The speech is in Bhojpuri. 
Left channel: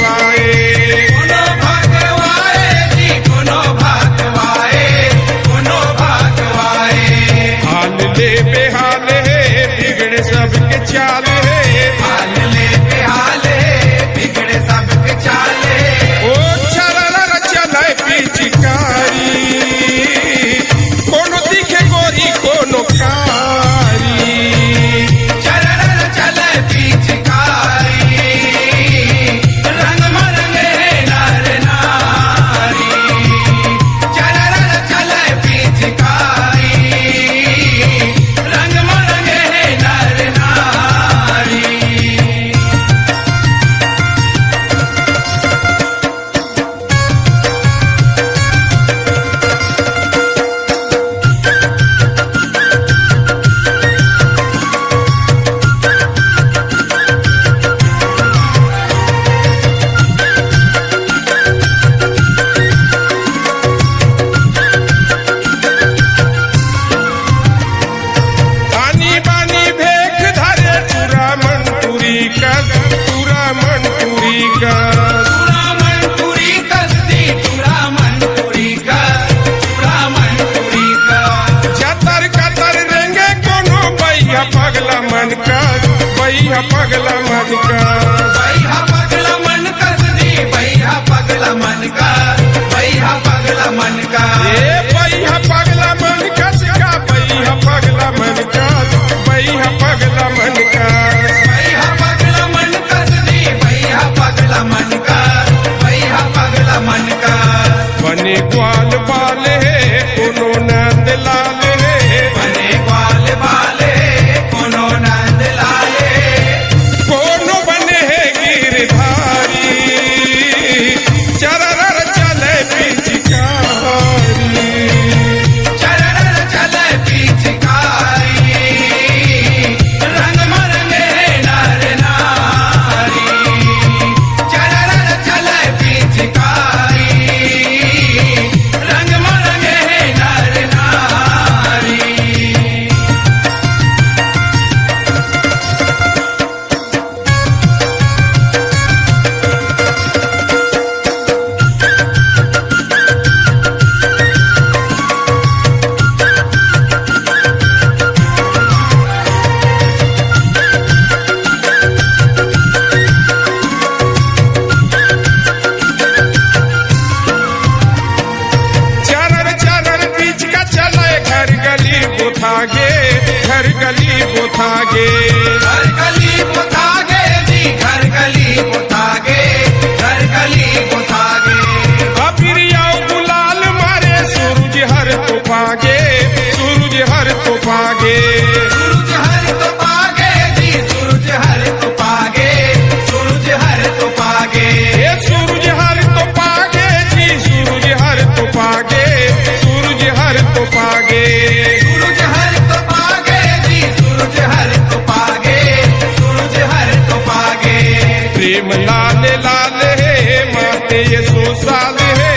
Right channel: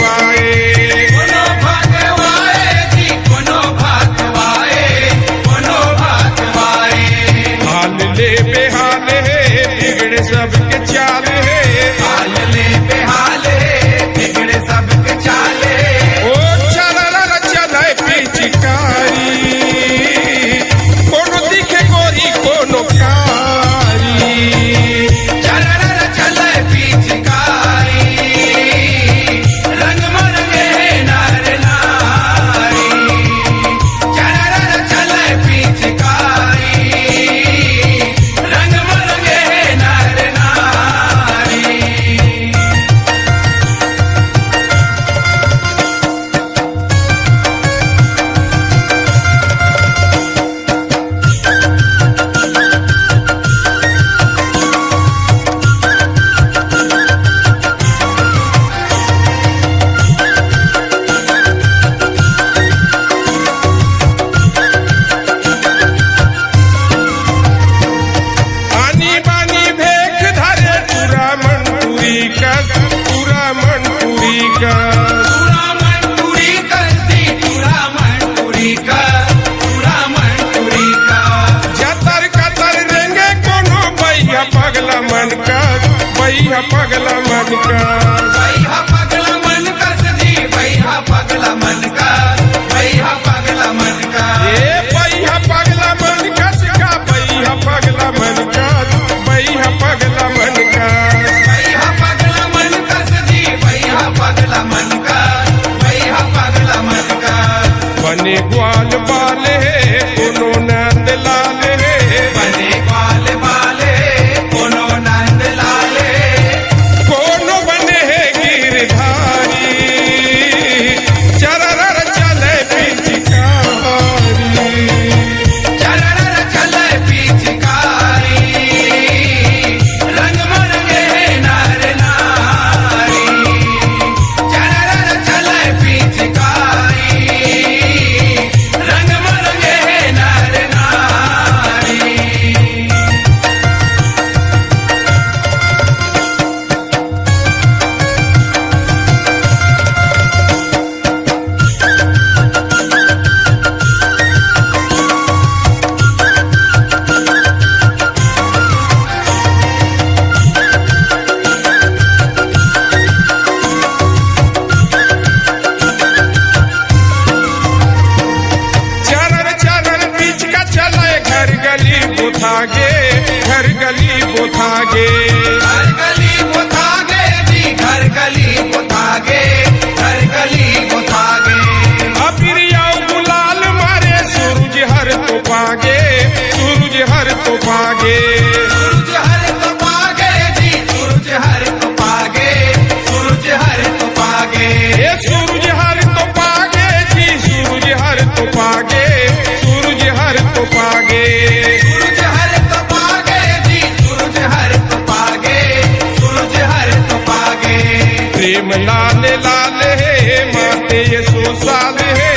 भगवाए, कोनो भगवाए जी, कोनो भगवाए, कोनो भगवाए। हाल ले बेहाल है बिगड़े सबके चाल है, हाल ले बेहाल है बिगड़े सबके चाल है। ओ चला चला पिचकारी, कोनो दिखे गोरी कोनो कारी, चलर चले पिचकारी, रंग मरंगे नर नारी। चलर चले पिचकारी, रंग मरंगे नर नारी। आनी बानी भेख धरे पूरा मनपुरी कस, पूरा मनपुरी कस, पूरा मन पूरी कसती, पूरा मन पूरी कर, पूरा मन पूरी कर। जतर कतर रेंगे कोनो बैया पगला मन कस, बैया पगला मन कस, बैहा पगला मन कसदी, बैहा पगला मन का, बैहा पगला मन का। ए बैया पगला मन कस का, बैया पगला मन कस, बैया पगला मन कस, बैहा पगला मन कसदी, बैहा पगला मन का, बैहा पगला मन का। बने ग्वाल बाल है कोनो नंद लाल है, बने ग्वाल बाले, कोनो नंद लाले। कोनो बने है गिरधारी, चरर चले पिचकारी, चलर चले पिचकारी, रंग मरंगे नर नारी। चलर चले पिचकारी, रंग मरंगे नर नारी। चरर चरर बीच का चले घर गली बुथागे, घर गली बुथागे, घर गली बुथागे जी, घर गली बुथागे, घर गली बुथागे। अबिरिया गुलाल मारे सूरज हर तो पागे, सूरज हर तो पागे, सूरज हर तो पागे जी, सूरज हर तो पागे, सूरज हर तो पागे। ए सूरज हर तो पागे जी, सूरज हर तो पागे, सूरज हर तो पागे, सूरज हर तो पागे जी, सूरज हर तो पागे, सूरज हर तो पागे। प्रेम लाल लाल है माते ये 100 साल है,